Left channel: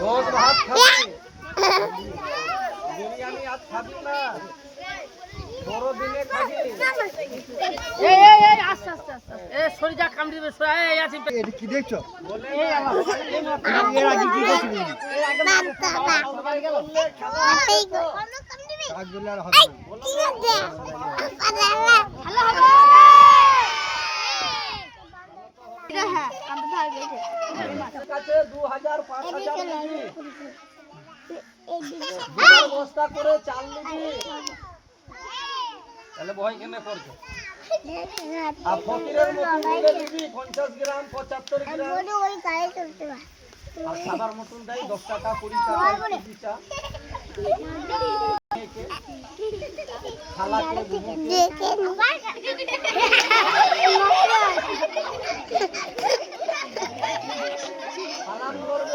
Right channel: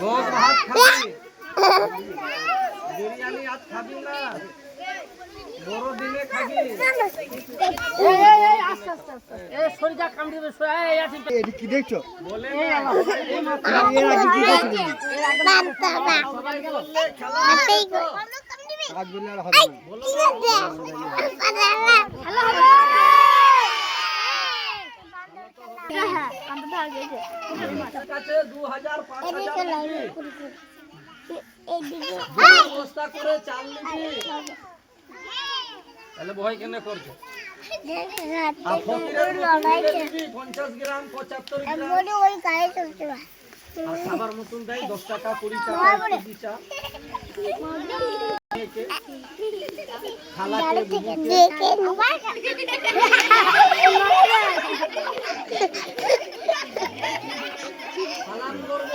ভোগ ভাত খাবি, বিরিয়ানি আর খাবি না, বড় দিনে খাবি। আস্তে আস্তে আস্তে শরীরটা কামড়ে দেবে। এটা কি দেখছো? বলে কাজ বললে আর হবে না। কাছে 2000 5000 নিবি, বস্তা করে চাল নিবি, তাহলে ভয় কেন করছো? আর ফকিরের মতন দিলে দিবি 50 গ্রাম 75 গ্রাম, আর খাবার মতন দেয় 10 টাকা 20 টাকা কেজি চা। খালাকে বুবুকে খালান করবে